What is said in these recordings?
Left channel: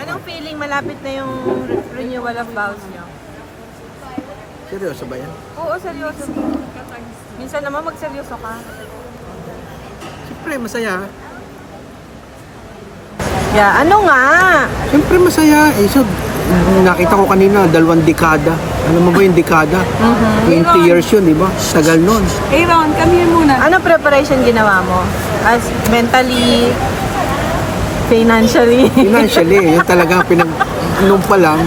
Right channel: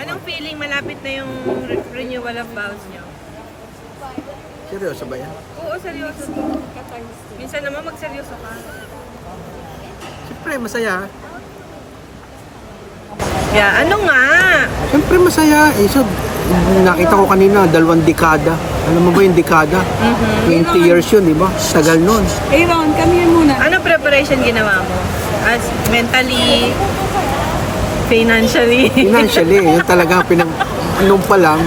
Anong feeling malapit na yung renewal of vows nyo? Seryoso ba yan? Oo, seryoso. Minsan naman magseryoso ka. Siyempre, masaya. Yeah, ano nga? Siyempre, masaya. So, nakita ko kanina, 2 dekada. Alam mo ba yung dekada? 20 years yun, di ba? Tagal nun. Aaron, kami muna. Ano preparation ginawa mo? As mentally, financially? Financially, yun talaga nung pa lang,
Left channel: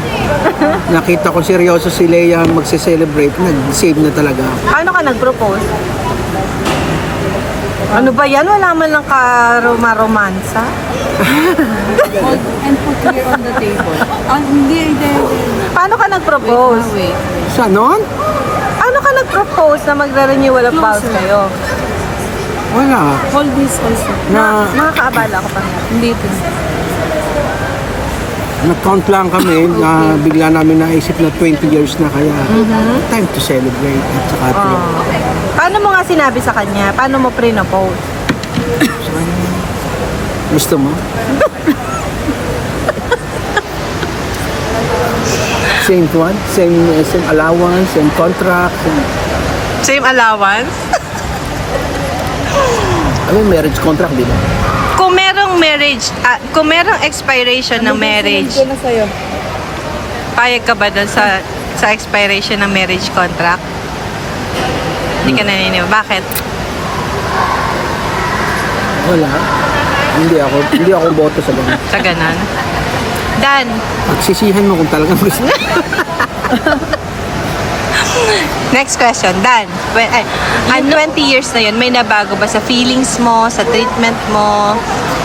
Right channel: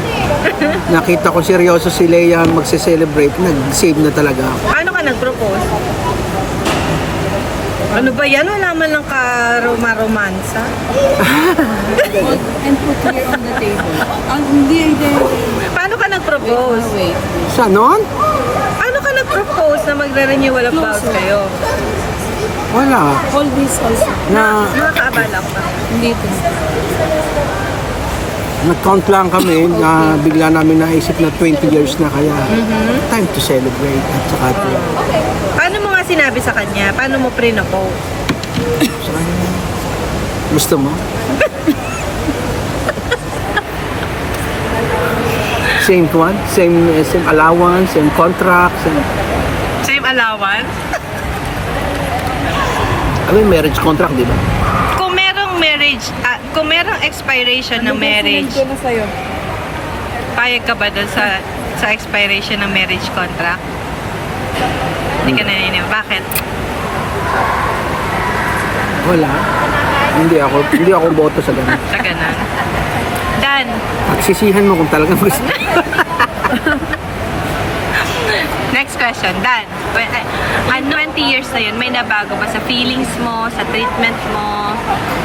nakita ko seryoso si Leia magse-celebrate, nag-save na talaga. Paano ka nag-propose? Ano ba yan? Wala man lang karoma-romansa? And put here on the table. Hindi. Paano ka nag-propose? Wait. Sa noon? Paano ka nag-propose na magre-renewal of vows kayo? Wala. Hold this also. Nakakaabala ko pa. Hindi ito. Nag-count lang kami na bigla namin naisip na 20 years na kaya time to celebrate at saka to Paano mo nga sinabi sa kanya? Paano mo pre-propose? gusto mo? Same one? Same allowance, same contract, Same allowance? marriage contract, di ba? Kung merong marriage, kung merong expiration ng marriage, Ito na sa'yo. payag ka ba doon sa expiration ng marriage contract? Hindi ka naniniwala. Bakit? Wala. Hindi ako boto sa ganun. Sa ganon? Dan, Pagsisihan mo kung talagang gusto. next question. Dan, 20 years na yun, may nabago ba sa feelings mo, sa treatment mo?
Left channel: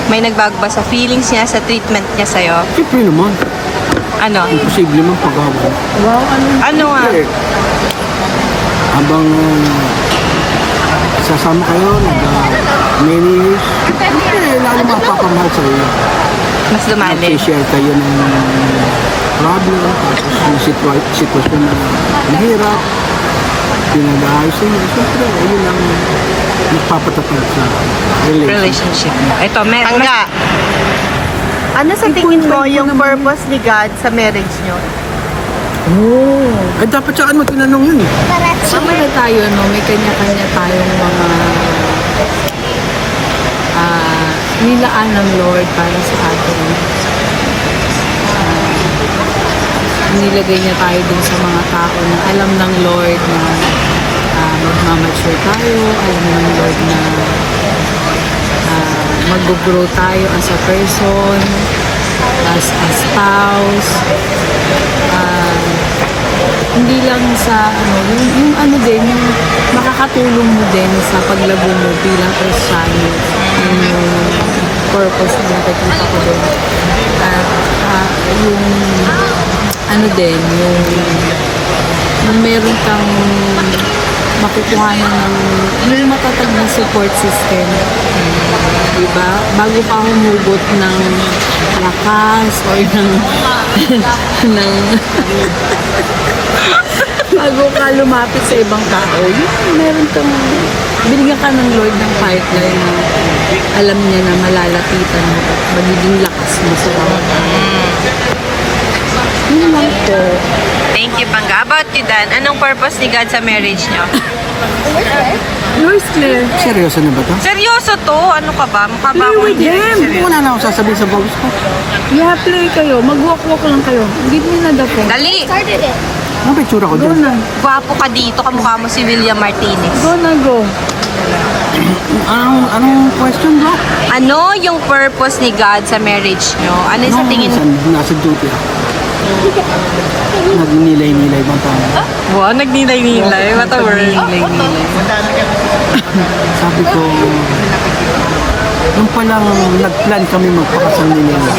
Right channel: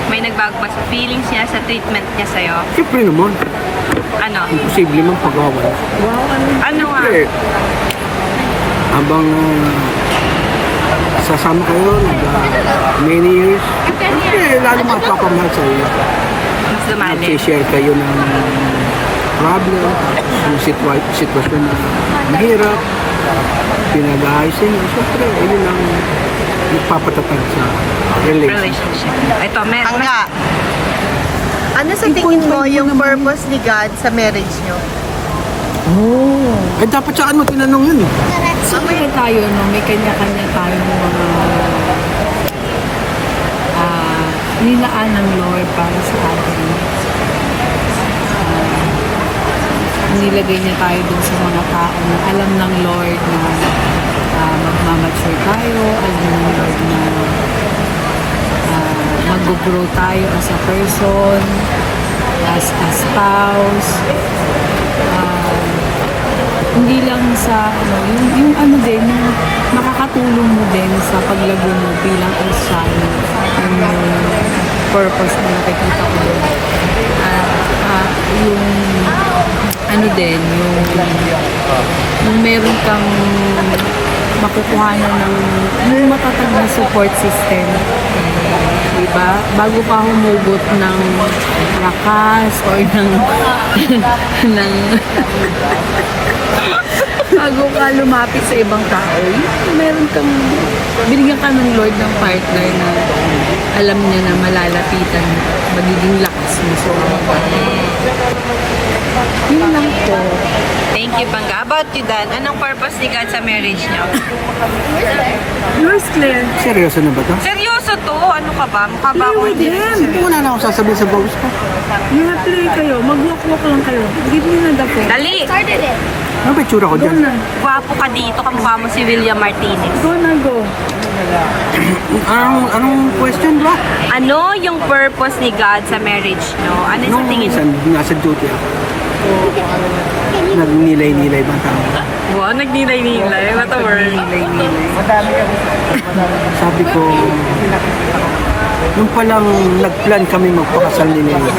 May nagbago ba sa feelings niya, sa treatment niya sa'yo? Siyempre naman. Ano? Imposible man pag-away. Ano nga? Siyempre, habang sasama kayo, many years, siyempre, lalo mapapamahal sa iyo. Mas lumalim. Mag-share kayo ng problem, tapos yung sitwasyon na mahirap, pinag-aayos niyo. Siyempre, yun ang nagpapatatag sa relationship. Relationship. Ito, ano sa tingin mo yung purpose ni God sa marriage nyo? Ay, dapat saan mo tinanong yun eh. Mamaya tayo, no? May kanya-kanya tayong mga nilaan ng Lord para sa atin. Nilagay niya tayo dun sa mga tao na alam ng Lord na magmamature tayo, alam ng Lord na mag-grow tayo as a person, as a spouse, hindi lang sa yung din, yung makakatulong mo din sa paglago mo bilang Kristiyano, yung purpose na nakikita ko doon. Yung meron kang makukuhanan ng may matatag na support system. Diba? Bago pa humugot ng lakas or bago ka lumapit sa ibang tao, meron kang binigyan ka ng Lord ng partner na alam niya na malalapitan mo at magiging lakas mo sa bawat tao. Yun lang po. Thank you, Pangga. About you, Dan, anong purpose ni God sa marriage nyo? Where's Claire? Seryoso na ba to? Seryoso to? Ano ka ba? Mukha ba akong hindi seryoso? Wala na akong sasabihin sa boss ko. Yeah, play kayo. Mag-walk-walk lang kayo. Give me na dapat. Dali! Ano ba itsura ko Go dyan? na. Gwapo ka dito, kamukha mo si William Martinez. Go na, go. Anong question, bro? Ano yung purpose ni God sa marriage nyo? Ano yung sa tingin? Nasa duty ako. Nagnilay-nilay bang tao? Wow, nagninay-nilay. What a word. Sabi ko, nung palang nag-plan kami magpakasal ni Leia.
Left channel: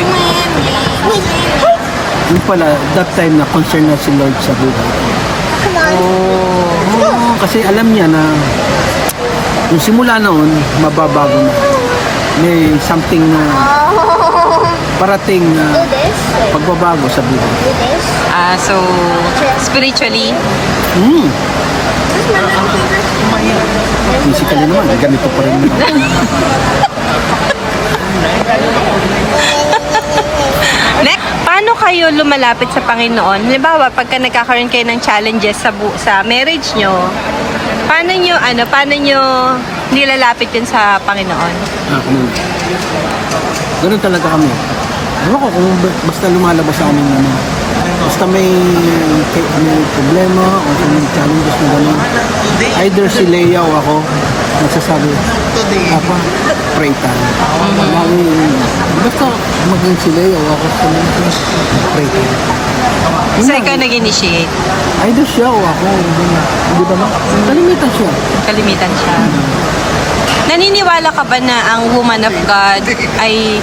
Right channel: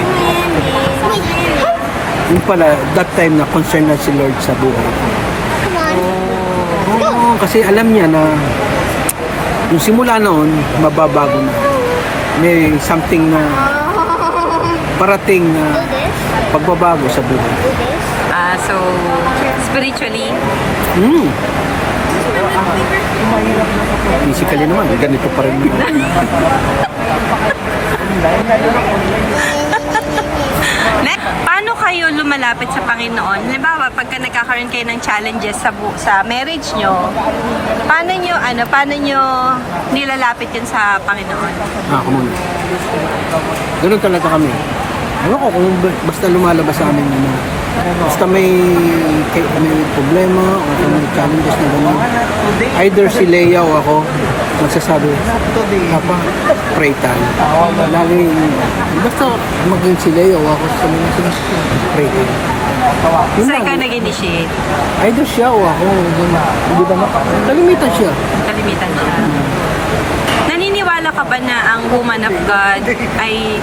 Nung pala, that time na concern na si Lord sa buhay ko. Oo, kasi alam niya na yung simula noon, mababago na. May something na parating na pagbabago sa buhay. So, spiritually, Physically naman, ganito pa rin naman. kayo lumalapit sa Panginoon? Halimbawa, pagka nagkakaroon kayo ng challenges sa marriage nyo, paano nyo nilalapit yun sa Panginoon? Come on. Ganun talaga kami. Ewan ko kung basta lumalabas sa amin na basta may problema o kung may challenges na gano'n. Either si Leia o ako magsasabi, Papa, pray tayo. Lagi, basta maging si Leia o ako sa mga pray tayo. Yun So, lang. ikaw nag-initiate. Either siya o ako. Hindi ba no? Kalimitan siya. Kalimitan siya. Naniniwala ka ba na ang woman of God ay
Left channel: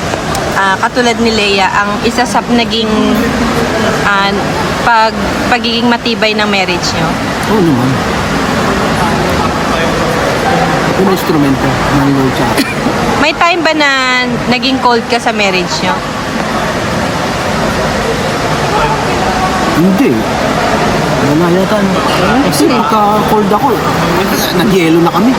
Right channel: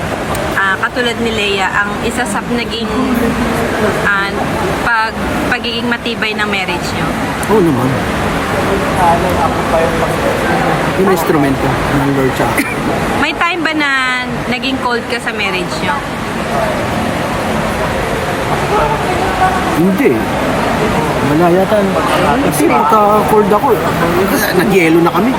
katulad ni Leia, ang isa sa naging pagiging matibay ng marriage nyo? Oo naman. Yun ang instrumento ng Lord sa akin. May time ba na naging cold ka sa marriage nyo? Hindi. Wala yata. No? Kasi pagka-cold ako, nag-yelo na kami.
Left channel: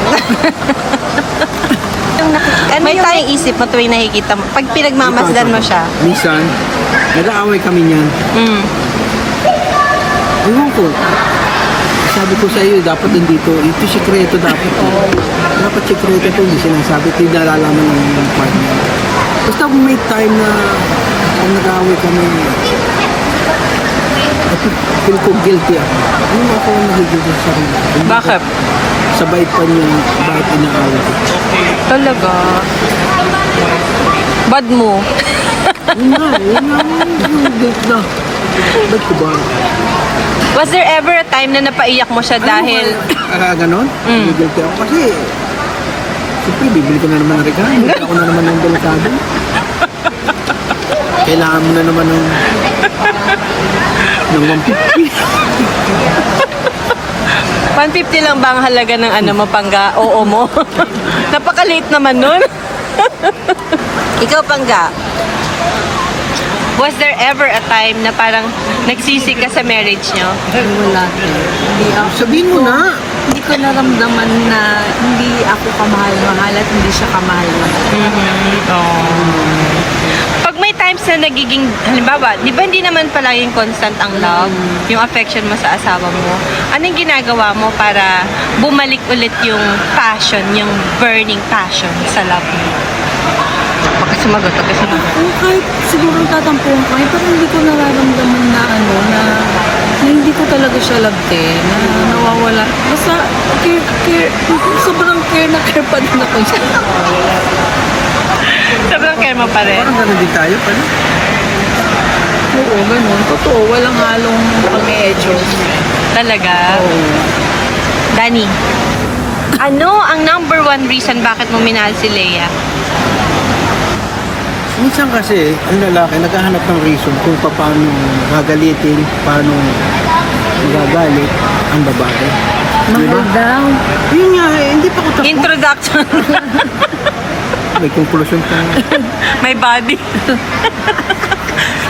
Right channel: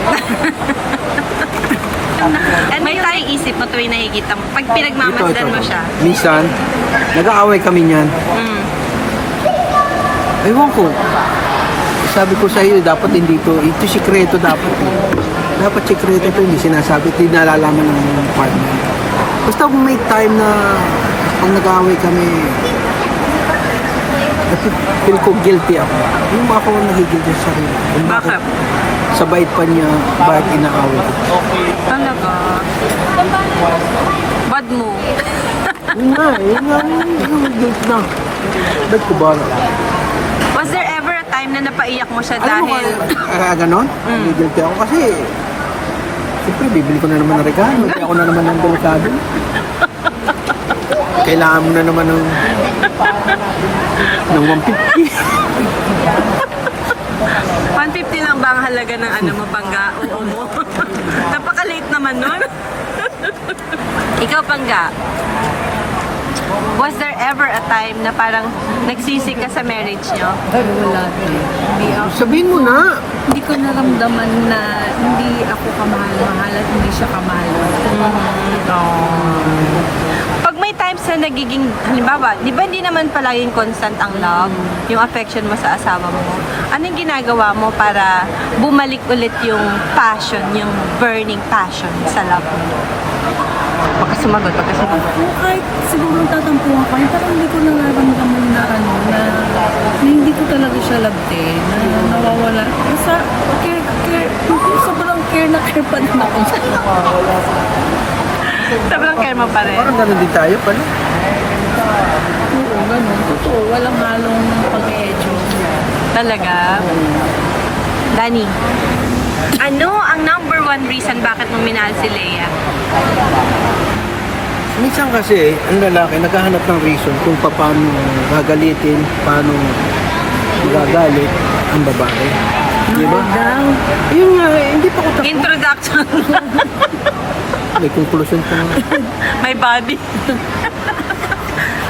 May time isip mo tuwing nakikita mo, pag pinagmamasdan mo siya. Minsan, nag-aaway kami niyan. Mm. Ewan ko. Sabi ko sa iyo, dapat hindi to. Ito sikreto dapat. Dapat sikreto to. Hindi sinasabi. Hindi nalalaman ng partner. Basta kung may time na pag nag-aaway kami, feel ko guilty ako. Yung ako nagigilty sa sarili. Bakit? Sabay pa niya, bakit inaaway ko. Talaga? Bad mo? Yun nga, yung guilt na. Ba't ko ba? Was there ever a time na napaiyak mo siya dahil... Ganon? Guilty ako kasi siyempre, bibili ko na naman ng regalo. Bibili ako na naman ng delikado. Kailangan mo na naman ng 150. 150 lang ba ang halaga ng ano mo, Pangga? Oo mo. Napakaliit naman nun. Ikaw, Pangga, was there ever a time na parang nagsisi ka sa marriage nyo? Wala din. Hindi ako. Sabihin mo na. Hindi ko naramdaman na hindi ako kamahal-mahal at hindi siya kamahal. Pag may times na nagiging, halimbawa, di ba hindi naman palaging constant ang love, yung affection mo sa asawa mo, anong ginagawa mo para bumalik ulit yung passion, yung burning passion sa love mo? Pagka sumagot. Oo, kahit siguro tatampuhan kami, parang hindi ko nararamdaman na na hindi ko talaga siya labte, na nawawala. Basta sobrang care na care pa din ako siya. Sobrang care mo pa rin. Parang ganon din tayo. Paano? Oo, ganun. Totoo, walang halong pag-e-echo. Talaga? Oo. Dani, ano ang number one reason bakit mo minahal si Leia? Minsan kasi, ang lalaki naghahanap ng reason kung paano gagalitin, paano magagalit ang babae. Di ba? Daw. Yun nga, hindi pa ko tapos. Introduction. May conclusion pa nga. May body.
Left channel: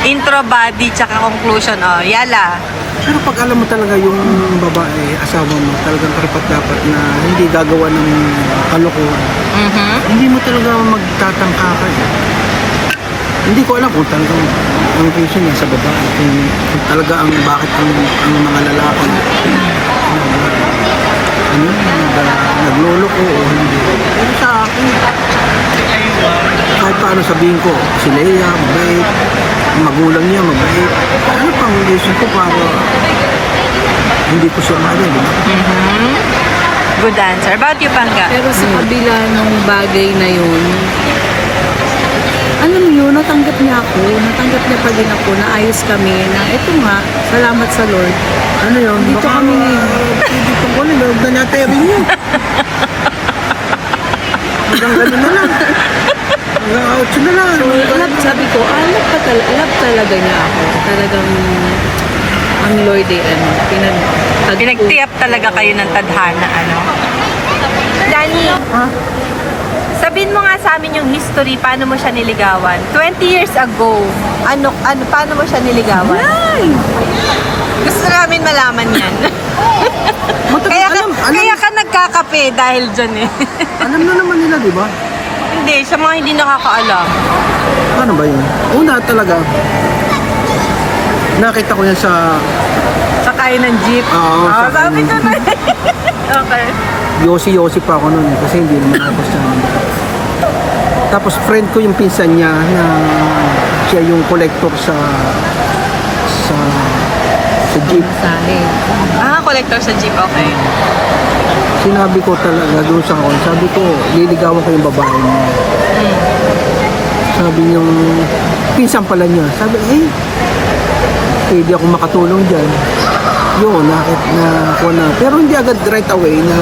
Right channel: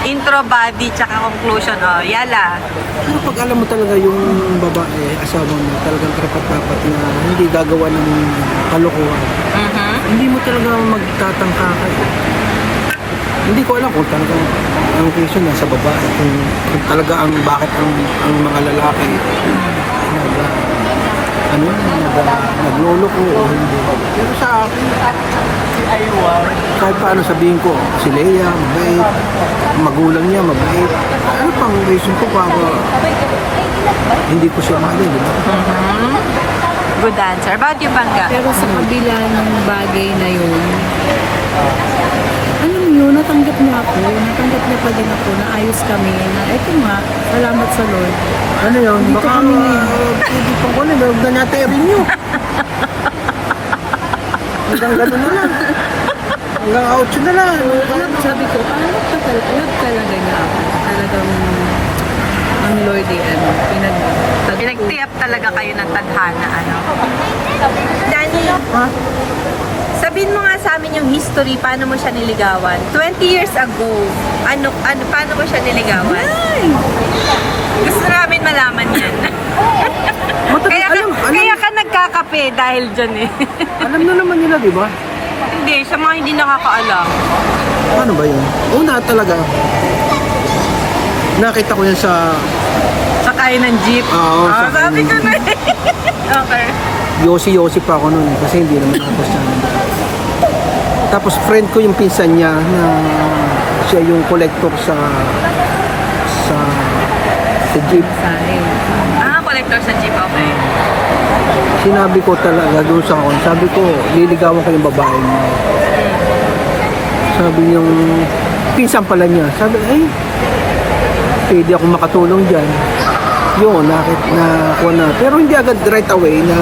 Intro, body, tsaka conclusion. Oh, yala. Pero pag alam mo talaga yung babae, asawa mo, talagang karapat-dapat na hindi gagawa ng kalokohan, hindi mo talaga magtatangka ka eh. Hindi ko alam kung talagang ang reason niya sa babae, kung talaga ang bakit ang mga lalaki nagloloko o hindi. Pero sa akin, kahit paano sabihin ko, si Leia, mabait, ang magulang niya, mabait. Ano pang reason ko para hindi ko siya mahalin, di ba? Good answer. About you, Pangga? Pero sa kabila ng bagay na yun, alam niyo, natanggap niya ako. Natanggap niya pa din ako. Naayos kami na eto nga, salamat sa Lord. Ano yun? Dito kami ngayon. Hindi pa ko alam, huwag na natin rin hanggang gano'n na lang. Hanggang outro na lang. Sabi ko, love talaga niya ako. Talagang ang Lord Pinagtiyap talaga kayo ng tadhana, ano? Dani, sabihin mo nga sa amin yung history, paano mo siya niligawan? 20 years ago, paano mo siya niligawan? Gusto namin malaman yan. Kaya ka nagkakape dahil dyan eh. Alam na naman nila, di ba? Hindi, sa mga hindi nakakaalam. Ano ba yun? Una talaga, Nakita ko yan sa Sakay ng jeep. Oo, Ah, sakay sabi ng ko na Okay. Yossi pa ako noon kasi hindi naman ako sa Tapos friend ko yung pinsan niya na siya yung collector sa jeep. Sa akin. Ah, collector sa jeep. Okay. Sinabi ko talaga doon sa akin, sabi ko, liligawan ko yung babae mo. Sabi niyang, pinsan pala niya. Sabi, pwede ako makatulong dyan. Yun, nakuha na. Pero hindi agad right away na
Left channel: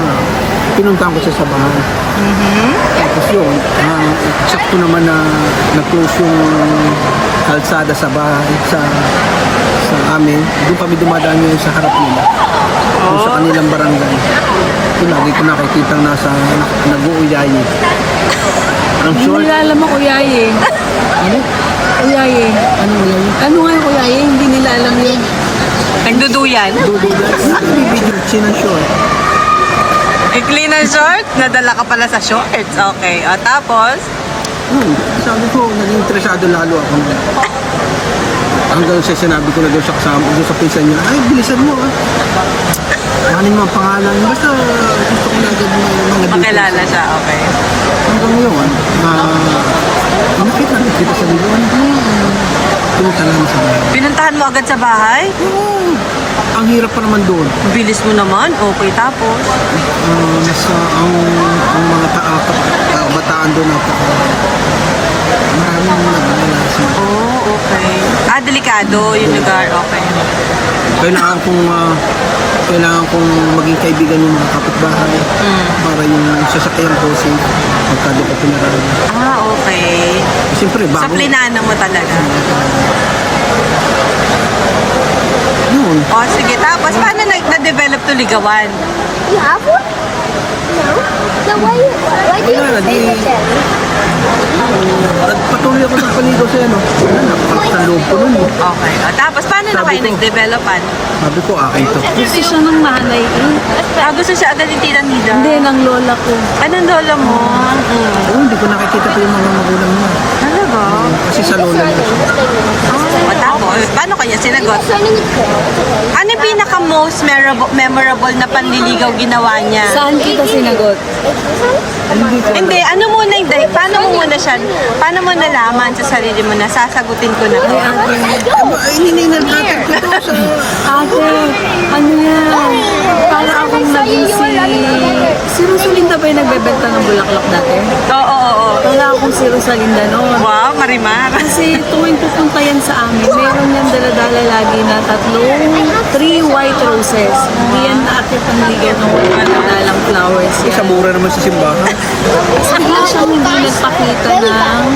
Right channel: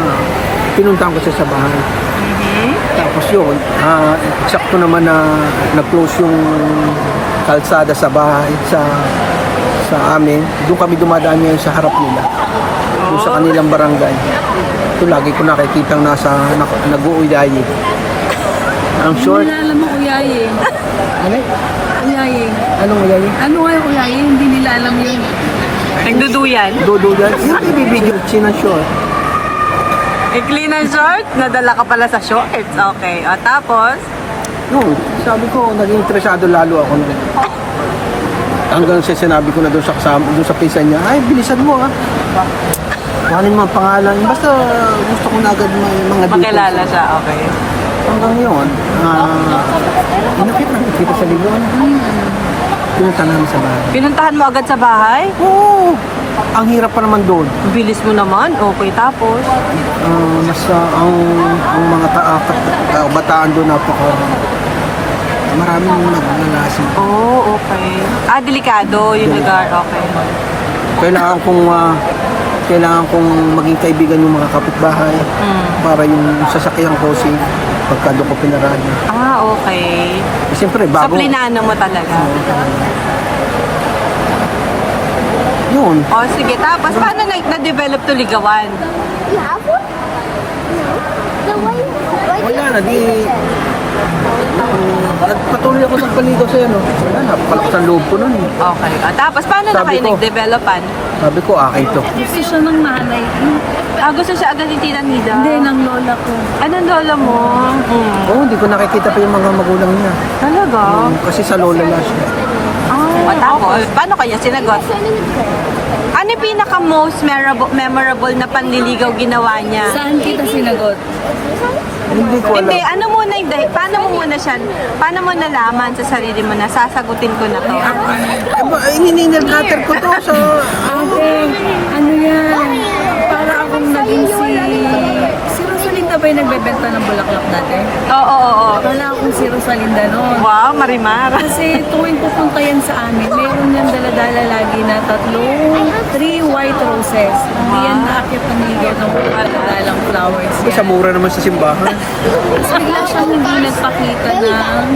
pinuntahan ko siya sa bahay. Tapos yun, sakto naman na nag-close yung kalsada sa bahay, sa amin. Doon kami dumadaan ngayon sa harap nila. Doon sa kanilang barangay. Ito lagi ko nakikita nag-uuyayi. Ang Hindi short. nila alam ako, Yaye. Ano? Yaye. Anong uyayi? Ano nga yung Yaye? Hindi nila alam yun. Nagduduyan. Dodo yan. Bibigyan siya ng short. Ikli ng short, nadala ka pala sa shorts. Okay. O, tapos? Yun, sabi ko, naging interesado lalo ako na. Hanggang siya sinabi ko na doon sa kasama, doon sa pinsan niya, ay, bilisan mo ah. Kanin mo ang pangalan. Basta gusto ko na agad ng mga Pakilala siya. Okay. Hanggang ngayon, nakita sa ligon. Tumutangan sa bahay. Pinuntahan mo agad sa bahay? Oo! Ang hirap pa naman doon. Bilis mo naman. Okay, tapos? Ang mga bataan doon maraming naglalasing. Oh, okay. Ah, delikado yung lugar. Okay. Kailangan kong maging kaibigan yung mga kapitbahay para yung sasakyan ko pagkado ko pinaraan. Ah, okay. Siyempre, Sa bago. plinano mo talaga. Yun. O, sige. Tapos, paano na-develop to ligawan? You have one? No. So Wala na, patuloy ako ng paligaw sa'yo, no? Napakalas ang loob ko nun, eh. Okay. O, tapos, paano na Sabi kayo ko. nag-developan? Sabi ko, akin to. Gusto siya ng nanay ko. Ah, gusto siya agad yung tita Nida? Hindi, ng lola ko. Anong lola mo? Oo, hindi ko nakikita pa yung mga magulang niya. Talaga? Kasi sa lola lang siya. O, tapos, paano kanya sinagot? Ano yung pinaka-most memorable na panliligaw ginawa niya? Saan kita sinagot? Hindi ko Hindi, ano muna yung paano mo muna siya, paano mo nalaman sa sarili mo na sasagutin ko na to? Hininag-hatter ko to, so... Ate, ano yan? Para akong naging si Rosalinda ba yung nagbebenta ng bulaklak dati? Oo. Para akong si Rosalinda noon. Wow, Marimar. Kasi tuwing pupunta yan sa amin, meron yan daladala lagi na 3 white roses. Hindi yan naakit ang ligaw ng walang flowers yan. Sa mura naman sa simbahan. Tapos bigla siyang hindi nagpakita ng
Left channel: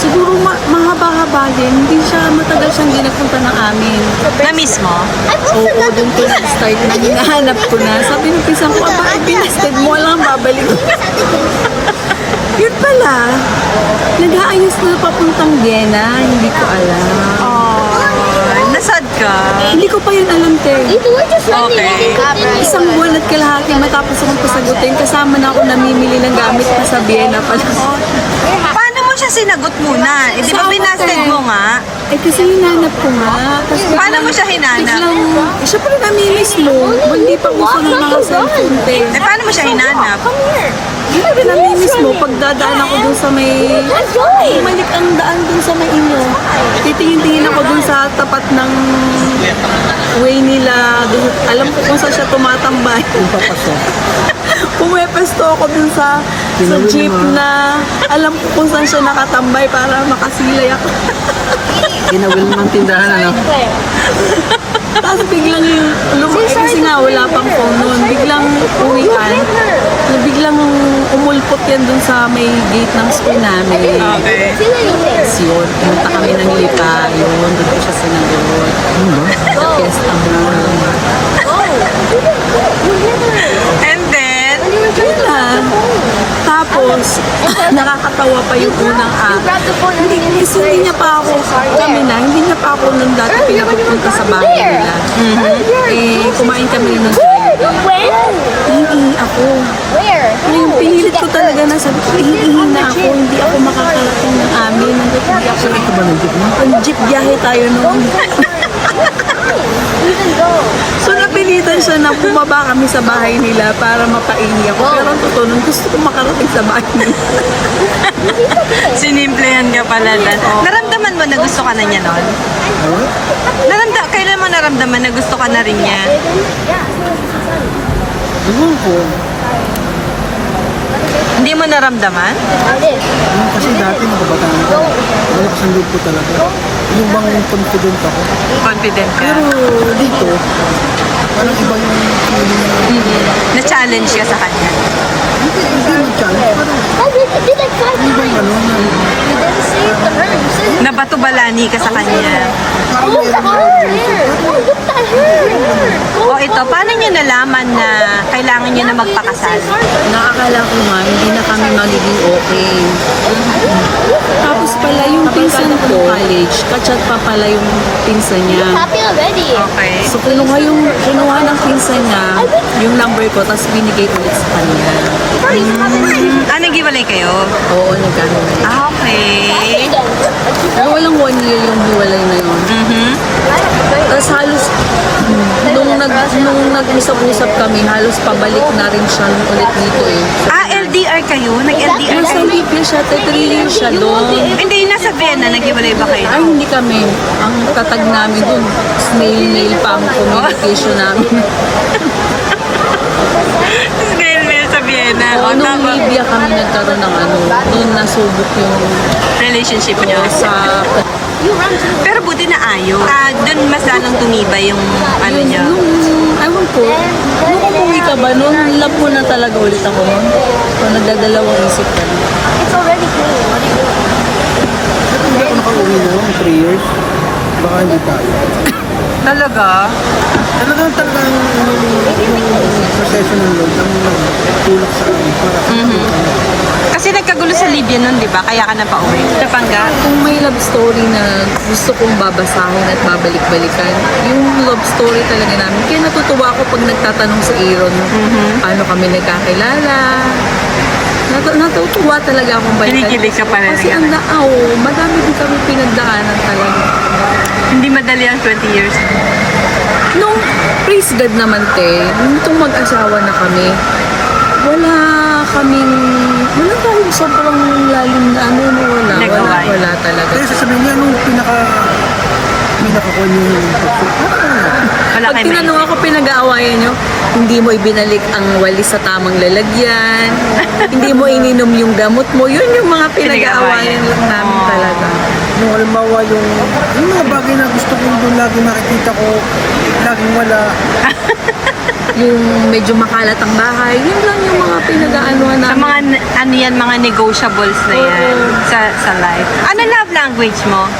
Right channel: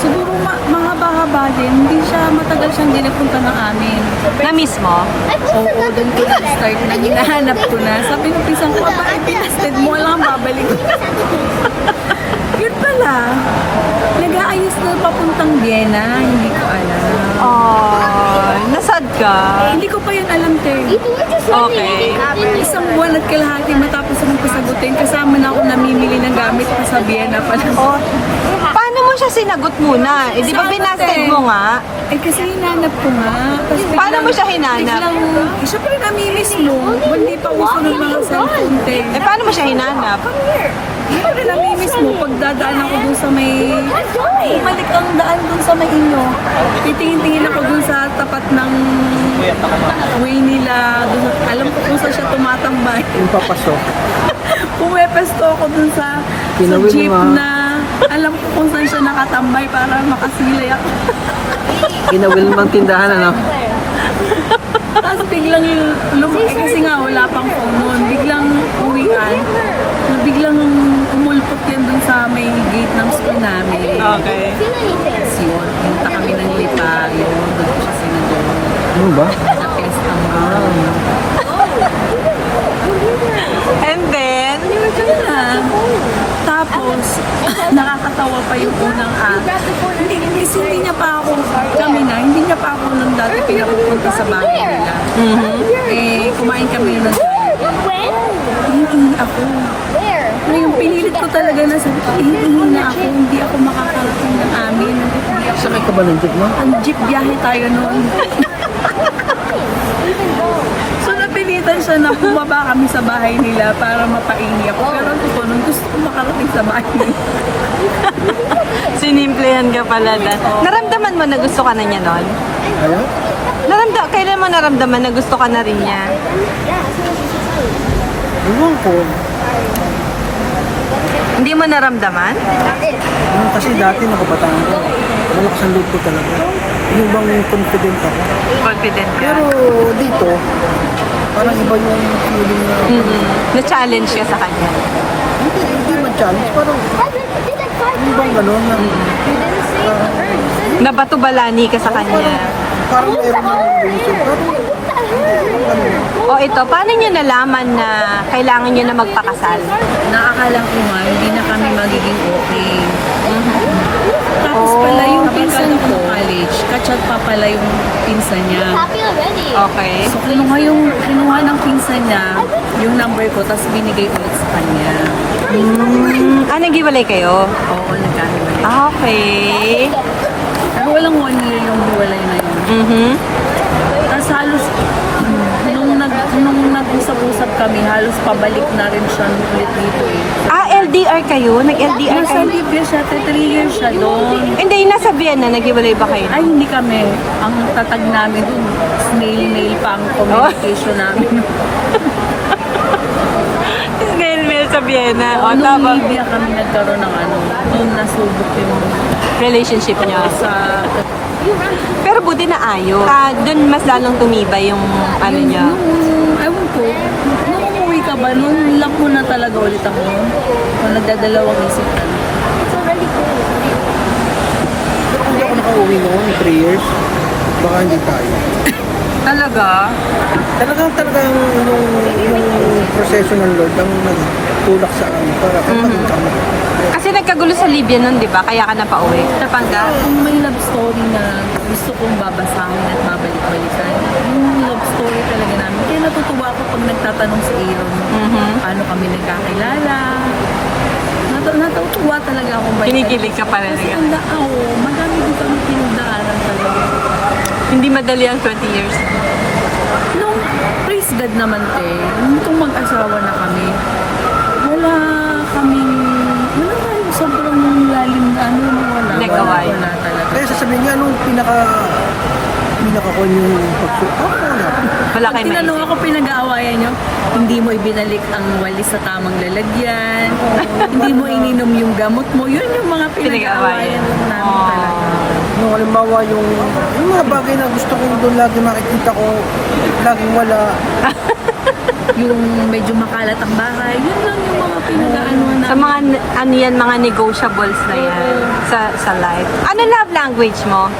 siguro mahaba-haba din. Hindi siya matagal siyang hindi nagpunta ng amin. Na mismo? Oo, doon ko nag-start na hinahanap ko na. Sabi ng pisang ko, aba, binasted mo, walang babalik. Yun pala, nag-aayos na papuntang Vienna, hindi ko alam. Oh, nasad ka? Hindi ko pa yun alam, Terry. Okay. Isang buwan at kalahati matapos akong pasagutin, kasama na ako namimili ng gamit pa sa Vienna pala. Oh, paano mo siya sinagot muna? Eh, di ba Sa binasted ate. mo nga? Eh kasi hinanap ko nga. Tapos Paano mo siya hinanap? Siyempre namimiss mo. Hindi pa uso ng mga cellphone, Terry. Eh, paano mo siya hinanap? Siyempre namimiss mo. Pag dadaan ako dun sa may... Bumalik ang daan dun sa may inyo. Titingin-tingin ako dun sa tapat ng way nila. Dun, alam ko kung saan siya tumatambay. Yung papasok. Pumepesto ako dun sa Kinawin jeep mo. na alam ko kung saan siya nakatambay para makasilay ako. Inawil mang tindahan, ano? Tapos biglang kasi nga wala pang phone noon. Biglang uwian. Na biglang umulpot yan dun sa may gate ng school namin. Okay. Tapos yun, pumunta kami ng Lipa. Yun, doon ko siya sinagot. Ano ba? Sa Fiesta Mall. And then, Yun lang. Tapos, nakakatawa pa yung unang kasi hindi niya pa ako, hindi niya pa ako nung dati pinapupunta sa bahay nila. Eh, kumain kami ng Jollibee. Hihingi ako. Ngayon, pinilit ko talaga na sabi ko, hihingi na ako, hindi ako makakarating ng amin. Hindi ako, Saan ka ba ng jeep mo? ang jeep biyahe tayo noon. So napilitan siya na bumaba kami sa bahay nila para mapahingi ako. Pero ang totoo, nung gusto ko makarating sa bahay nila. Sinimplehan ka pala Dan. Naramdaman mo na gusto ka na niya noon? Ano? Kailan mo naramdaman na gusto ka na rin niya? Ewan ko. Hindi mo naramdaman? Kasi dati nakabataan ko. Malakas ang loob ko talaga. Yung bang confident ako. Confident ka? Pero dito, parang iba yung feeling na Na-challenge ka sa kanya? hindi mag-challenge. Parang yung bang gano'n. Nabato-balani ka sa kanya? Parang meron na reason. O ito, paano niyo nalaman na kailangan niyo na magpakasal? Naakala ko nga, hindi na kami magiging okay. Tapos pala yung pinsan ko, college, kachat pa pala yung pinsan niya. Happy already. Okay. So kinuha ng pinsan niya yung number ko, tapos binigay ulit sa kanya. Nag-iwalay kayo? Oo, nagkamali. Okay. Pero walang 1 year yung hiwalay na yun. Tapos halos, nung nag-usap-usap kami, halos pabalik na rin siya ulit dito eh. LDR kayo? Nag-LDR Nasa kayo? Libya siya, 3 years siya doon. Hindi, nasa Vienna. Nag-iwalay ba kayo? Ay, hindi kami. Ang tatag namin doon, snail-mail pa ang communication namin. Ngayon sa Vienna. O, Nung tama. Libya kami nagkaroon ng noon nasubok yung Relationship niyo. sa Pero buti na ayos. Doon mas lalong tumibay yung ano yun, niya. Ewan ko, nung umuwi ka ba, nung love mo na talaga ulit ako nun? O nagdadalawang isip ka? Ba't hindi ako nakauwi noon, 3 years? Baka hindi tayo. Talaga? Talagang yung proseso ng Lord ang nagtulak sa akin para Kasi nagkagulo sa Libya nun, di ba? Kaya ka na pauwi. Napangga? Kung may love story na gusto kong babasahin at babalik-balikan, yung love story talaga namin. Kaya natutuwa ako pag nagtatanong si Aaron, paano kami nagkakilala. Natutuwa talaga akong balikan. Kinikilig ka pa rin. Kasi ang madami din kami pinagdaanan talaga. Hindi madali ang 20 years. Nung praise God naman nitong mag-asawa na kami, wala kaming sobrang lalim na wala. Nag-away. Wala talaga. Kaya sasabihin niya, anong pinaka-kon yung Wala Pag kayo tinanong maisip. ako pinag-aawayan nyo, hindi mo ibinalik ang walis sa tamang lalagyan, hindi mo ininom yung gamot mo, yun yung mga pinag-aawayan lang namin talaga. Yung halimbawa yung mga bagay na gusto kong doon lagi makikita ko, laging wala. Yung medyo makalat ang bahay, yun lang yung mga pinag-aanuhan Sa namin. mga, ano yan, mga negotiables na yan sa life. Ano love language mo?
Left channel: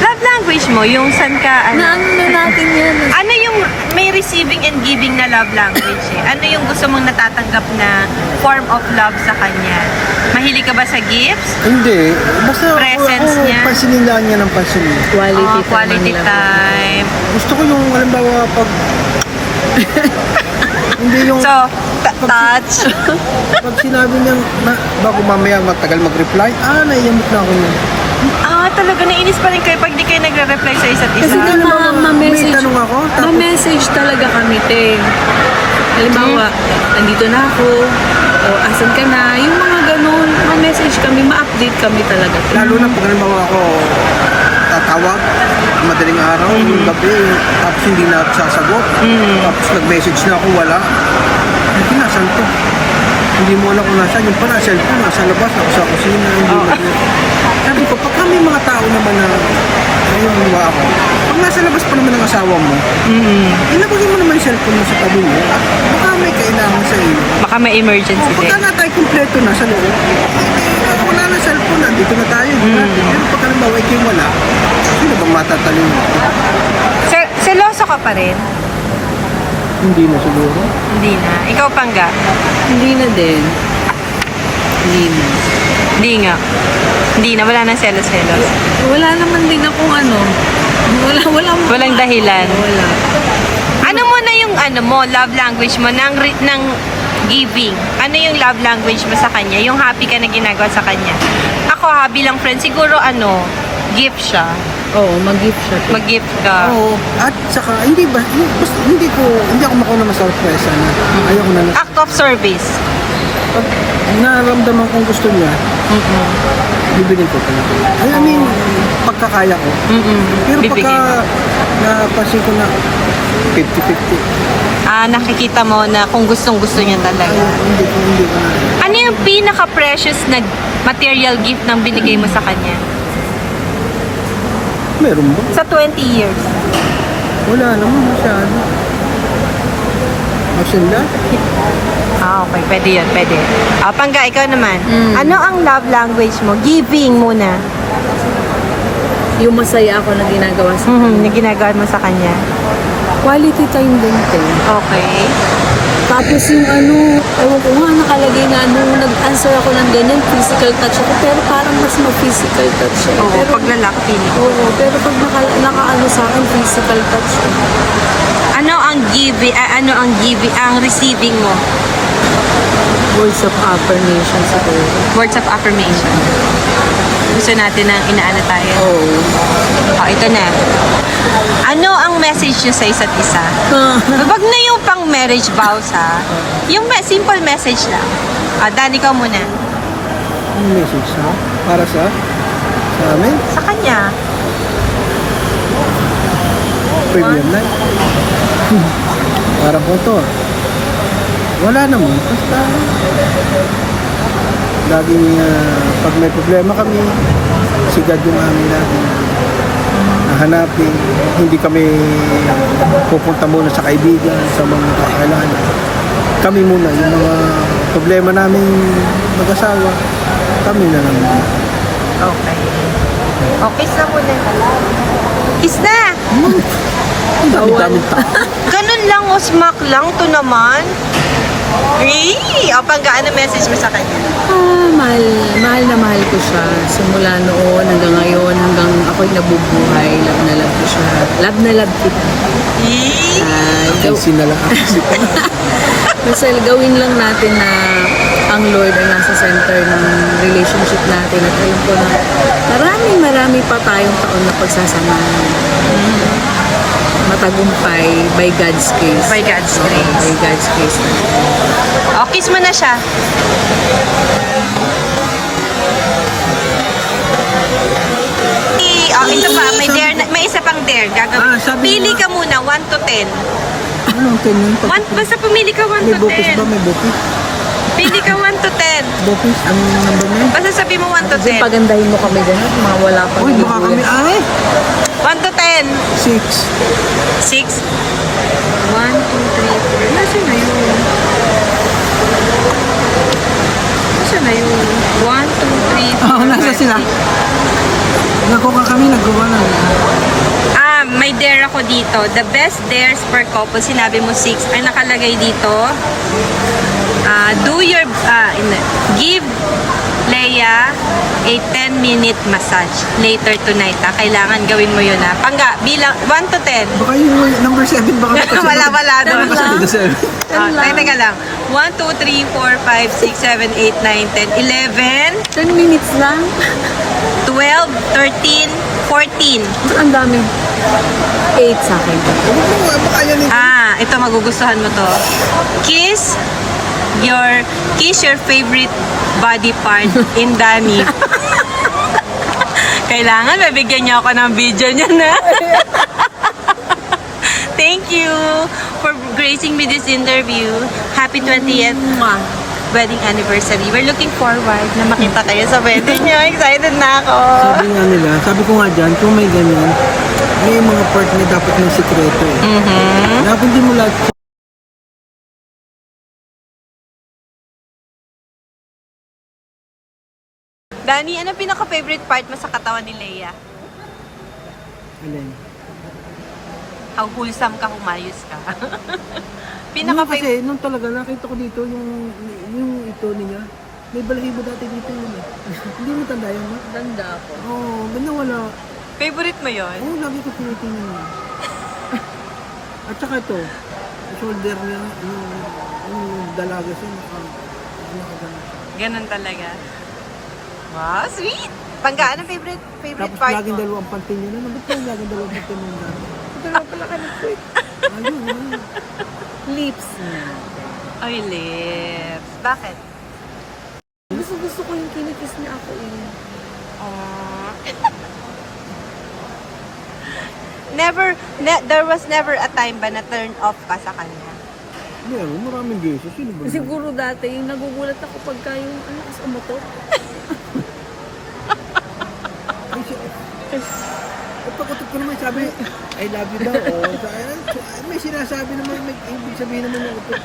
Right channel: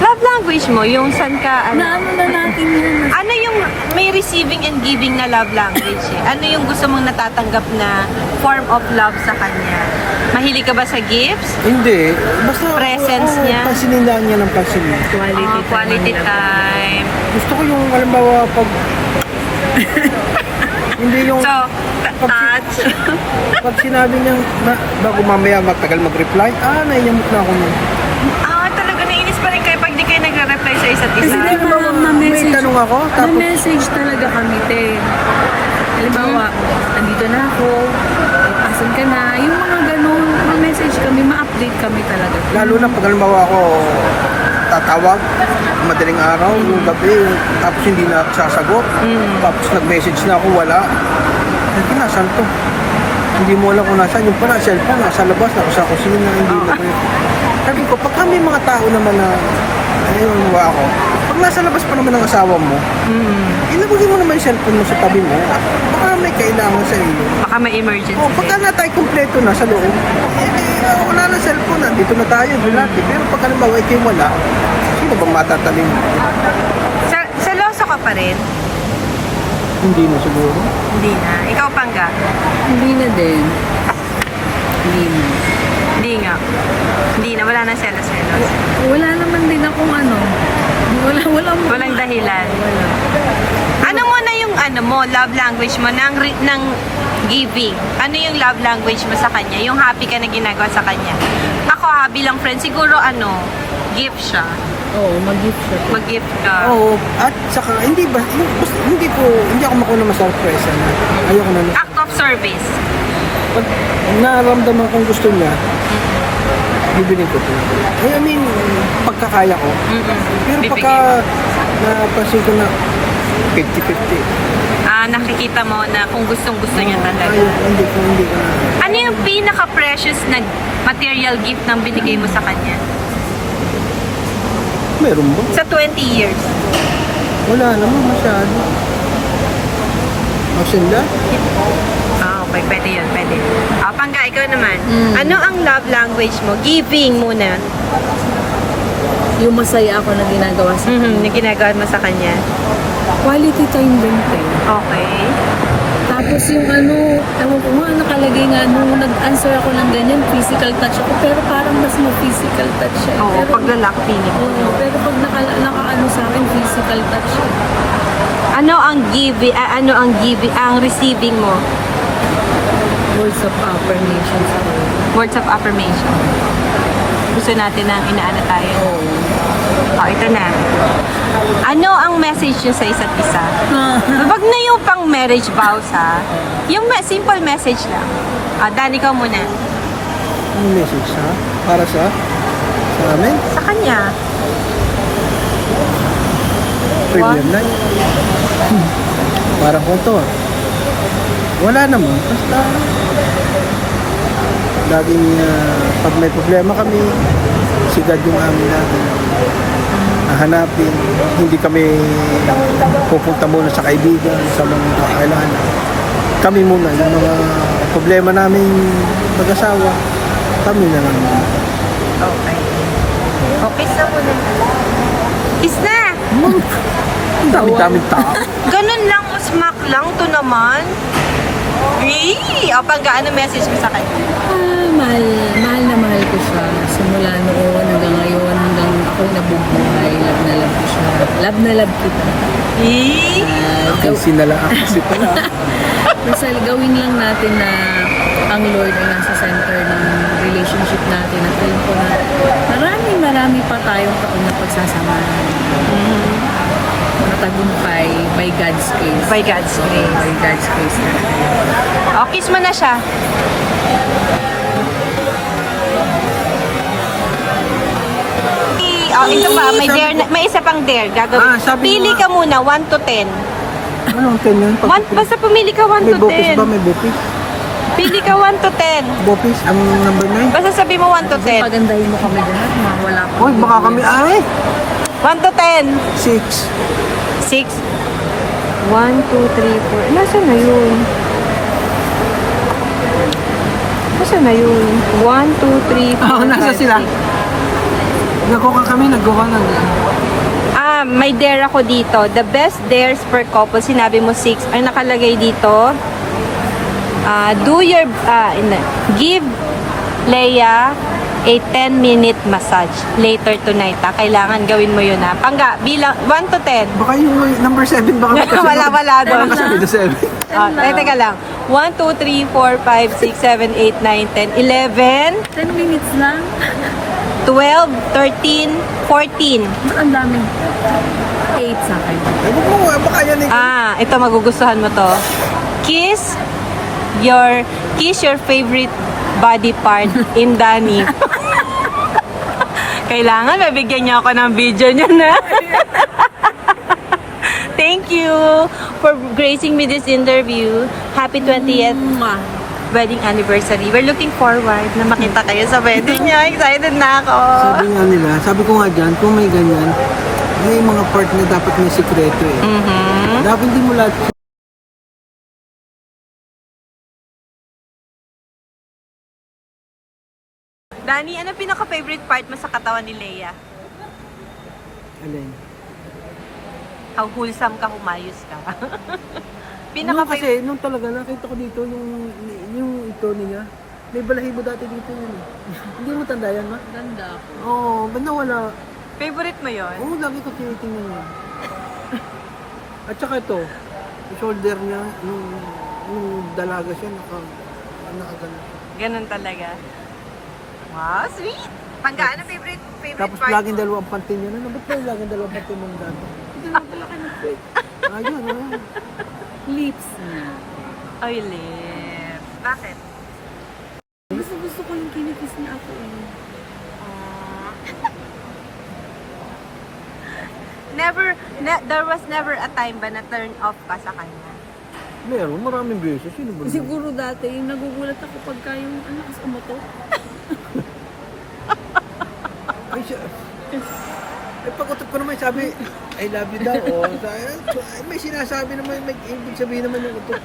Love language mo, yung san ka, ano? Naano na natin yan. Ano yung may receiving and giving na love language eh? Ano yung gusto mong natatanggap na form of love sa kanya? Mahilig ka ba sa gifts? Hindi. Basta Presence niya. pansinin lang niya ng pansinin. Quality time. Gusto ko yung halimbawa pag hindi yung So, touch. pag sinabi niyang bago mamaya matagal mag-reply, naiiyamot na ako nun. Talaga nainis pa rin kayo pag di kayo nagre-reply sa isa't Kasi isa. halimbawa, may Ma-message. tanong ako, tapos Ma-message talaga kami, Halimbawa, nandito na ako, o asan ka na, yung mga ganun, ma-message kami, ma-update kami talaga. lalo na pag halimbawa ako tatawag, madaling araw, yung gabi, tapos hindi na sasagot, tapos nag-message na ako, wala. Hindi nasan to? Hindi mo alam kung nasaan. Yung pala, cellphone, nasa labas, nasa sa kusina, hindi na. Sabi ko, pagka may mga tao naman na ngayon ako, pag nasa labas pa naman ang asawa mo, ilagay mo naman yung cellphone mo sa tabi mo, at baka may kailangan sa iyo. Baka may emergency Pagka din. na tayo kumpleto na sa loob, wala na cellphone, dito na tayo, natin. Pero pagka naman, ikaw wala, sino bang matatalin mo? Seloso ka pa rin? Hindi na siguro. Hindi na. Ikaw, Pangga? Hindi na din. Hindi na. Hindi nga. Hindi na. Wala na selos-selos. Wala naman din akong Walang dahilan. Wala. Ano mo na yung love language mo ng giving? Ano yung love language mo sa kanya? Yung happy ka na ginagawa sa kanya? Ako bilang friend, siguro gift siya. Oo, mag-gift siya. Mag-gift ka. Oo, at saka hindi ako makuha na masurpresa na ayoko na Act of service. pag naramdaman kong gusto niya, bibilin ko talaga. I mean, pagkakaya ko. Pero pagka napansin ko na 50-50, Nakikita mo na kung gustong-gusto niya talaga. ayoko, hindi ko na. Ano yung pinaka-precious na material gift ng binigay mo sa kanya? Meron ba? Sa 20 years. Wala naman masyado. Magsinda? Okay. Pwede yun. Pwede. Pangga, ikaw naman. Ano ang love language mo? Giving muna. Yung masaya ako na ginagawa sa Na ginagawa mo sa kanya. quality time din, te. Okay. Tapos yung ewan ko nga, nakalagay na nung nag-answer ako ng ganyan, physical touch ako, pero parang mas ma-physical touch siya. Oo, pero, pag lalaki feeling ko. Oo, pero pag naka-ano sa akin, physical touch siya. Ano ang ang receiving mo? Words of affirmation siguro. Words of affirmation. Gusto natin ng inaano tayo. Oo. Ito na. Ano ang message nyo sa isa't isa? Wag na yung pang marriage vows ha. Yung simple message lang. Dan, ikaw muna. Ang message ha? Para sa amin? Sa kanya. Premium night. Parang konto. Wala naman. Basta laging pag may problema kami, sigad yung amin natin hanapin. Hindi kami pupunta muna sa kaibigan, sa mga kakailangan. Kami muna, yung mga problema namin mag-asawa, kami na lang. Okay. Kiss na muna. Kiss na! Ang dami-daming tao. Ganun lang, smack lang to naman. Panggaan na message mo sa kanya. Mahal na mahal ko siya. Simula noon hanggang ngayon, hanggang ako'y nabubuhay, love na love ko siya. Love na love kita. Sinalaan si pala. Basta gawin lang natin na ang Lord ang nasa center ng relationship natin at ayun po na marami pa tayong taon na pagsasamahan. Matagumpay by God's grace. By God's Oo, grace. by God's grace. Kiss mo na siya. Ito pa, may isa pang dare. Sabi Pili mo- ka muna, 1 to 10. Anong 10 yun? Basta pumili ka 1 May to bopis ba? 10. May bopis? Pili ka 1 to 10. Bopis? Anong number niya? Basta sabi mo 1 to 10. Pagandahin mo kami ganun, mawala pa. Uy, baka kami, 1 to 10. 6. 6. 1, 2, 3, 4. Nasaan na yun? Nasaan na yun? 1, 2, 3, 4, Nasa 5, sila? 6. Nakuha kami, naggawa na. May dare ako dito. The best dares per couple. Sinabi mo 6. Ay nakalagay dito. Give Leia a 10-minute massage later tonight. Kailangan gawin mo yun ha. Pangga, bilang 1 to 10. Baka yung number 7 baka Wala doon. The 7. Teka lang. 1, 2, 3, 4, 5, 6, 7, 8, 9, 10, 11, 10 minutes lang. 12, 13, 14. Ang dami. 8 sa akin. Huwag mo nga, baka yan Ito magugustuhan mo to. Kiss your favorite body part in Danny. Kailangan mabigyan niyo ako ng video niya na. Thank you for gracing me this interview. Happy 20th wedding anniversary. We're looking forward na makita kayo sa wedding niyo. Excited na ako. Sabi nga nila, sabi ko nga dyan, kung may ganyan, may mga part na dapat may sikreto. Dapat hindi mo lahat. Danny, ano pinaka-favorite part mo sa katawan ni Leia? Alin? How wholesome ka, humayos ka. Nung kasi, nung talaga nakita ko dito, yung ito niya, may balahibo dati dito yun eh. Hindi mo tanda yan, ma? Ganda po. Oo, ba't nawala? Favorite mo yon? Oo, lagi ko tinitingnan niya. At saka ito, yung shoulder niya, yung dalaga siya, nakagana. Ganun talaga. Wow, sweet! Pangga, ano favorite Tapos part laging mo? dalawang pantin yan. Ano ba't kayo laging dalawang pantin ng gano'n? Dalawa pala kami quick. Ayun, Lips. Ay, lips. Bakit? Gusto ko yung kinikiss ni ako eh. Aww. There was never a time ba na turn off ka sa kanya? Meron, maraming beses. Sino ba? Siguro dati, nagugulat ako pagka yung kas umutot. Ay, siya. Eh, pagkutot ko naman sabi, I love you daw. Oh. May sinasabi naman, may ibig sabihin naman yung utot.